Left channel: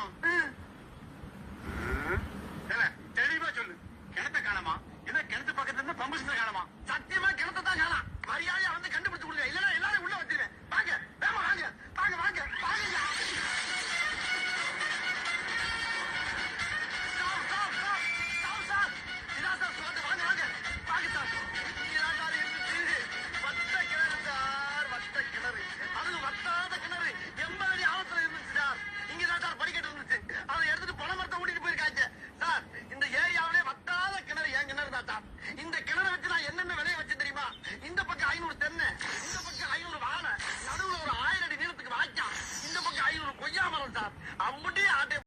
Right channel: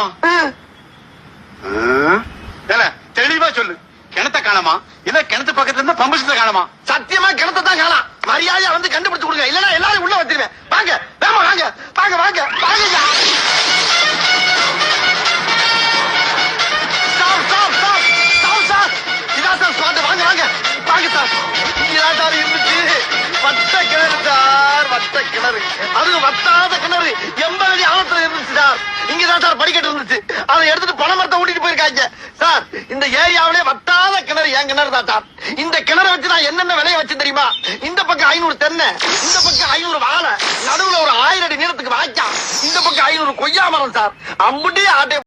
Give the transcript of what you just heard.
காணமா? தெளிவா சொல்லு. கிணத்த காணமா இல்ல கிணத்து பக்கத்துல இருந்தா பம்பு செட்ட காணமா? சத்தியமா கிணத்தை தான் காணாம். மரியாதையா வந்து கண்டுபிடிச்சு கொடுங்க, இல்லன்னா எல்லாரும் உள்ள வச்சிருவேன். வாங்க வேமா வாங்க வாங்க வாங்க வாங்க. Stop stop stop stop sir. இதான் சார் ஸ்பாட். வாங்க வாங்க வாங்க சார். இதான் சார் இருந்துச்சு. வட்ட கிணறு சார், வட்ட கிணறு. அது வட்டாத கிணறு 80 அடி ஆழத்துல இருந்துச்சு சார். இங்கதான் சார் படிக்கட்டு இருந்துச்சு. அதை எடுத்துட்டு பனை மரத்தை ஓட்டிட்டு போயிருக்காங்க சார். இந்த ஏரியாவிலே வட்டாத கிணறு என் கிணறு தான் சார். இந்த கிணறை வச்சு நான் என்னென்ன விலைய வச்சு தெரியுமா? இந்த பக்கம் 500 தென்னை, இந்த பக்கம் 500 வாழை, நடுவுல ஒரு 1000 அடி நீளத்துக்கு வாய்க்கா, இந்த பக்கம் 500 கொய்யா மரம் சார். அம்புட்டி ஆட்டை